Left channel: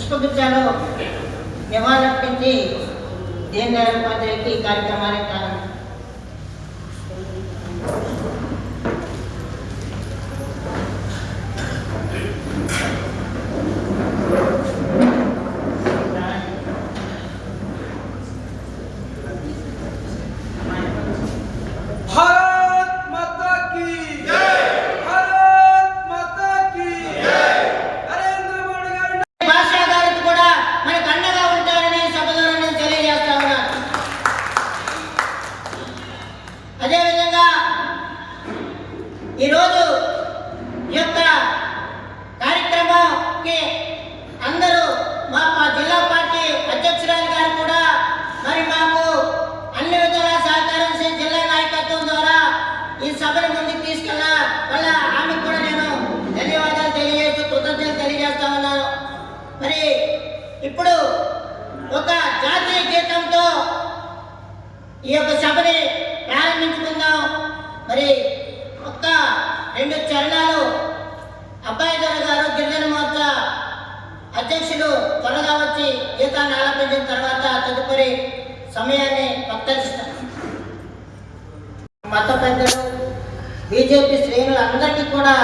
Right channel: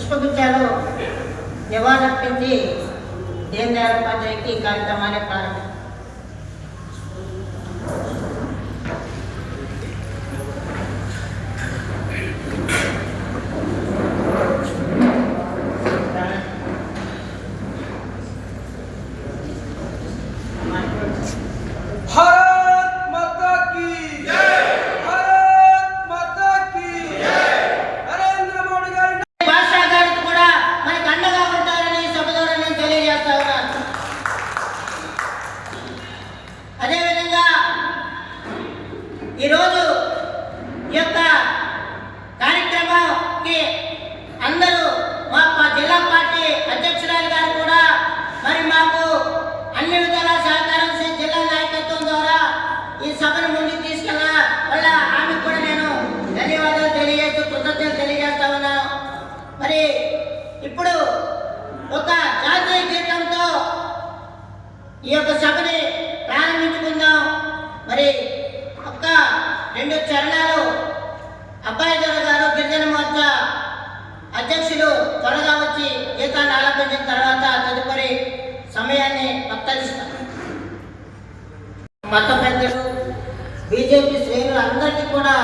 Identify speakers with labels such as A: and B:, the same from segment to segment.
A: పుష్పగుచ్చాలు నివాళులర్పించి దీన్ దయాళ్ ఉపాధ్యాయుకి ఈ కార్యక్రమాన్ని ప్రారంభించారు. యొక్క కార్యక్రమంకి అందరూ మా మా జిల్లా పార్టీ అధ్యక్షురాలు గారు కూడా మరి మాకు అన్ని విధాలా సహకారం చేసి జిల్లా నాయకత్వం ద్వారా ఈ సభను ముందుకు తీసుకెళ్ళ వల్ల ఆమెకు కూడా నేను ధన్యవాదాలు తెలియజేస్తూ కృతజ్ఞతలు తెలియజేస్తా ఉన్నాను. మరి ఇప్పుడు ఒక జాతీయ గీతంతో ఈ యొక్క సభని ప్రారంభించుకుందాం. మరి ఒక్క రెండు చరణాలు అబ్బాయి గారు గారు గిరిజన మోర్చా అధ్యక్షులు త్వరగా వచ్చి గీతాన్ని ఆలపించిన తర్వాత తదుపరి సమయాన్ని పత్తరిస్తాం మత పెద్దలు బీజేపీ శ్రేణులు అందరికీ కూడా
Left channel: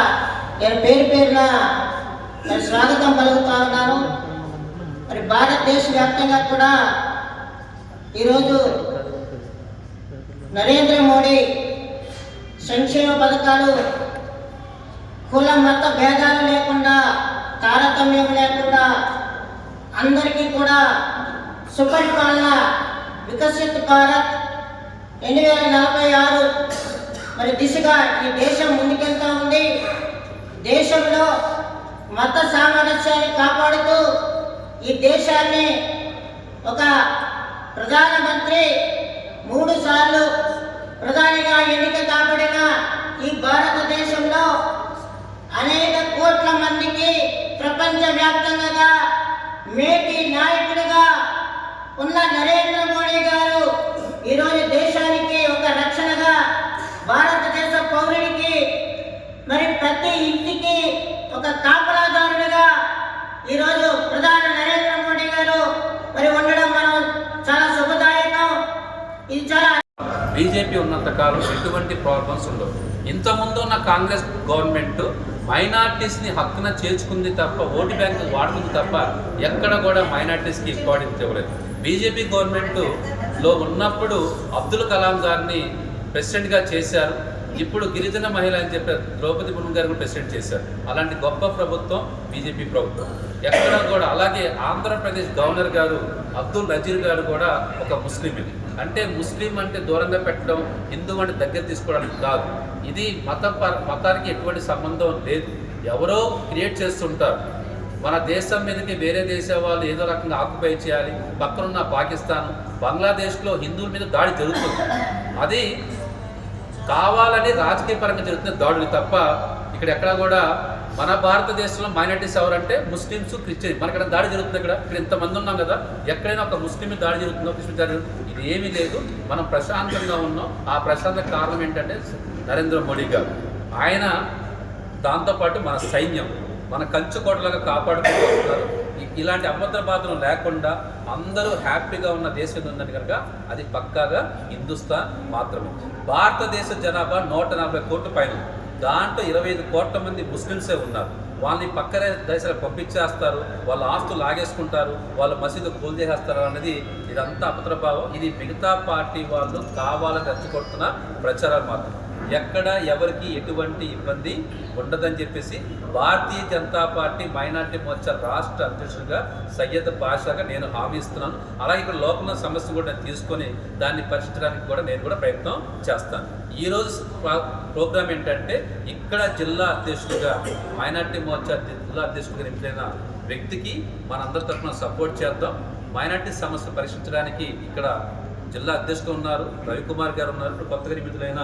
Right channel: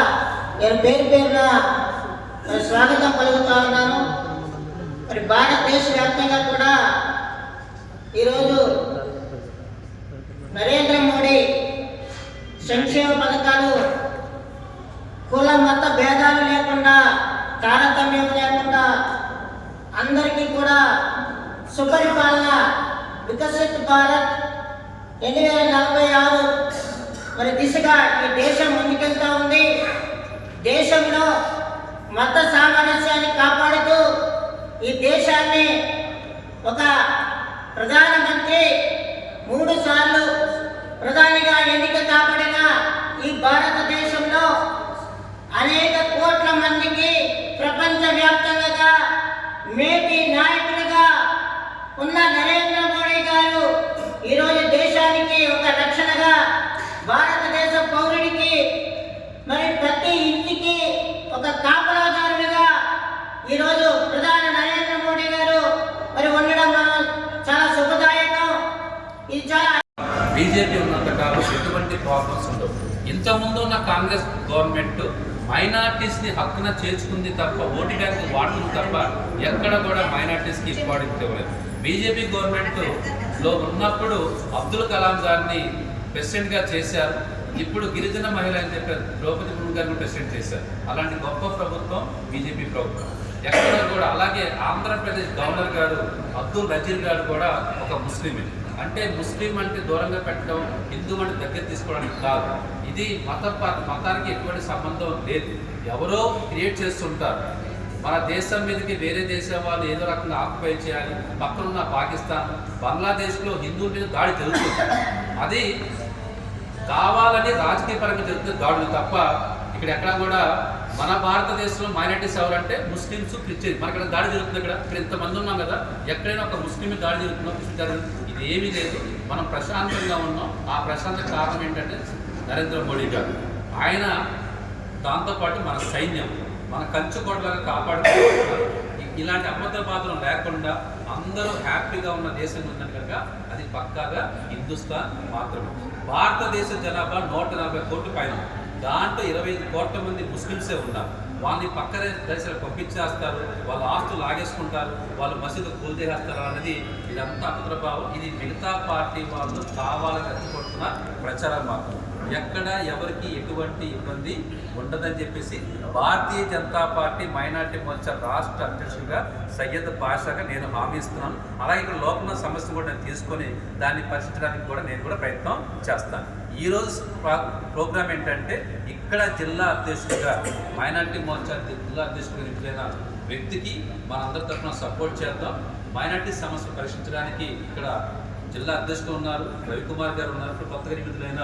A: నేను పేరు పేరుగా మరి స్వాగతం పలుకుతా ఉన్నాను. మరి భారతదేశ వ్యాప్తంగా కూడా ఈరోజు నరేంద్ర మోడీ సంక్షేమ పథకాలు కుల మత భేదాలు లేకుండా తారతమ్యం లేకుండా అందరికీ కూడా సుపరిపాలన వికసిత్ భారత్ రెండు వేల నలభై ఆరు మరి దిశగా ఈ దేశం ముందుకెళ్తా ఉంది. దేశంలో మత సామరస్యాన్ని కాపాడుతూ ఈ దేశాన్ని ఒక ప్రధానమంత్రి మూడు సార్లు ప్రధానిగా ఎన్నిక కాపాడిన ఈ భారతదేశంలో అనేక కోట్ల మందికి ప్రపంచ వ్యాప్తంగా మేటి నాయకుడిగా ఉన్న నరేంద్ర మోడీ గారు ఈరోజు దేశానికి ఒక రక్షణగా భారతదేశ పౌరుడికి మరి ప్రతి ఇంటికి ఒక కాపలాదారుడిగా ఈరోజు ప్రధాని నరేంద్ర మోడీ గారు మరి ఉండడం మనం చాలా శుభదాయకం ఇది చాలా
B: బీజేపీ ఉన్నంత కాలం ఎటువంటి ప్రాబ్లమ్స్ ఉండవు. ఇంతకుముందు ఉన్న కాంగ్రెస్ గవర్నమెంట్ మైనార్టీస్ని హక్కున చేర్చుకుంది తప్ప ఓటు బ్యాంకు వాడుతుంది తప్ప ఎక్కడ కూడా మైనార్టీస్కి ఇంపార్టెన్స్ ఇవ్వలేదు. బీజేపీ గవర్నమెంట్లో ఉన్నప్పుడు అబ్దుల్ కలాం గారిని ప్రెసిడెంట్గా చేశారు. ఇప్పుడు గిరిజన మహిళ అని చెప్పి ద్రౌపది ముర్ము గారు ప్రెసిడెంట్ చేశారు. అలాంటి గొప్ప ప్రభుత్వం బీజేపీ ప్రభుత్వం. ఎక్కడ కూడా అలాగే ఆంధ్రప్రదేశ్ గవర్నర్ గారు అబ్దుల్ నజీర్ గారు కూడా ఒక ముస్లిమే అంటే ముస్లిం అంటే దూరంగా పెట్టడం హిందూ అంటే దగ్గర తీసుకోవడానికి కాదు. ఇది మత పర- మతానికి ఎటువంటి సంబంధం లేదు. ఎవరో క్రియేట్ చేస్తుంటారు. మన దేశం మీదకి వేరే దేశం వాళ్ళు ఏదో రకంగా ఆక్యుపై చేయాలి. పక్కనున్న పాకిస్తాన్ బంగ్లాదేశ్లో హిందువుల మీద దాడి జరుగుతుంది. అది కావాలని రాజకీయ పరంగా జరుగుతున్న దాడులు తప్ప ఇక్కడ ఎక్కడ కూడా మన భారతదేశంలో మైనార్టీస్ ఎవరంటే ముస్లిమ్స్ క్రిస్టియన్ మనకి ఇక్కడ దాడి జరుగుతుంది ఇక్కడ. ఇక్కడ ఇంతమంది ఉన్నాం కదా. ఎక్కడైనా ఒక ముస్లిం దాడి జరుగుతుందో క్రిస్టియన్ దాడి జరుగుతుందో ఇది ఏమీ లేదు. మనం ప్రశాంతంగా ఉన్నాం. ఆ ప్రశాంత కారణం ఏంటంటే నరేంద్ర మోడీ గారు. ఆయన దాంతోపాటు మన సైన్యం మన కంచుకోటలాగా కాపాడుకుంటున్నారు. ఇలాంటి అభద్ర పాత్రం లేకుండా అందరూ హ్యాపీగా ఉన్న దేశం ఉందని కనుక అది పక్కాగా హిందుస్థాన్ మాత్రమే. భారతదేశ జనాభా నూట నలభై కోట్ల పైన దాంట్లో ఇరవై ఐదు కోట్ల మంది ముస్లిమ్సే ఉన్నారు. వాళ్ళని పక్కనే దేశాలకు పంపించేస్తారు వాళ్ళ ఆస్తులు లాగేసుకుంటారు వాళ్ళ మసీదు కూల్ చేసేస్తారు అనేది ఇదంతా అపద్రభావం. ఇది మిగతా పార్టీ వాళ్ళు కావాలని ఎత్తుకొడుతున్న ప్రచారం మాత్రం ఎక్కడ ఎవరికి ఎటువంటి ఇబ్బంది ఉండదని చెప్పేసి భారతీయ జనతా పార్టీ మైనార్టీ మోర్చా రాష్ట్ర అధ్యక్షుడిగా సయ్యద్ భాషగా నేను హామీ ఇస్తున్నాను. అలాగే ఇక్కడ లోపల సమస్య కూడా నేను తీసుకొని దాన్ని పరిష్కరించడానికి కూడా నేను కూడా ప్రయత్నం చేస్తాను. ఈరోజు ప్రోగ్రామ్ ఏంటంటే ఇక్కడ జిల్లా అధ్యక్షుడిగా మైనార్టీ మోర్చా జిల్లా అధ్యక్షుడిగా నింపిన వ్యక్తికి మనందరి తరఫున సపోర్ట్ చేద్దాం. మైనార్టీ సమస్య పరిష్కరించడానికి ఇక్కడ జిల్లా అధ్యక్షుడు ఉన్నారు రవికుమార్ గారు ఉన్నారు. ఇప్పుడు కొత్తగా నియమితులైన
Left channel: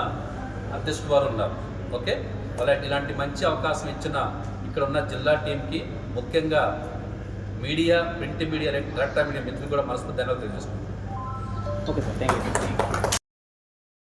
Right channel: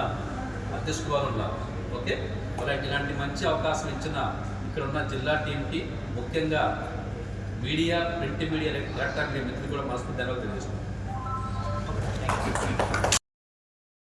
B: అధ్యక్షుడు వారు ఉన్నారు. ఓకే? అలాంటి ఇలాంటి మంచి అవకాశం ఇచ్చిన ఇక్కడ ఉన్న జిల్లా టీంకి ముఖ్యంగా media print media electronic media మిత్రులు కూడా మనస్ఫూర్తి ధన్యవాదాలు తెలియజేసుకుంటున్నాను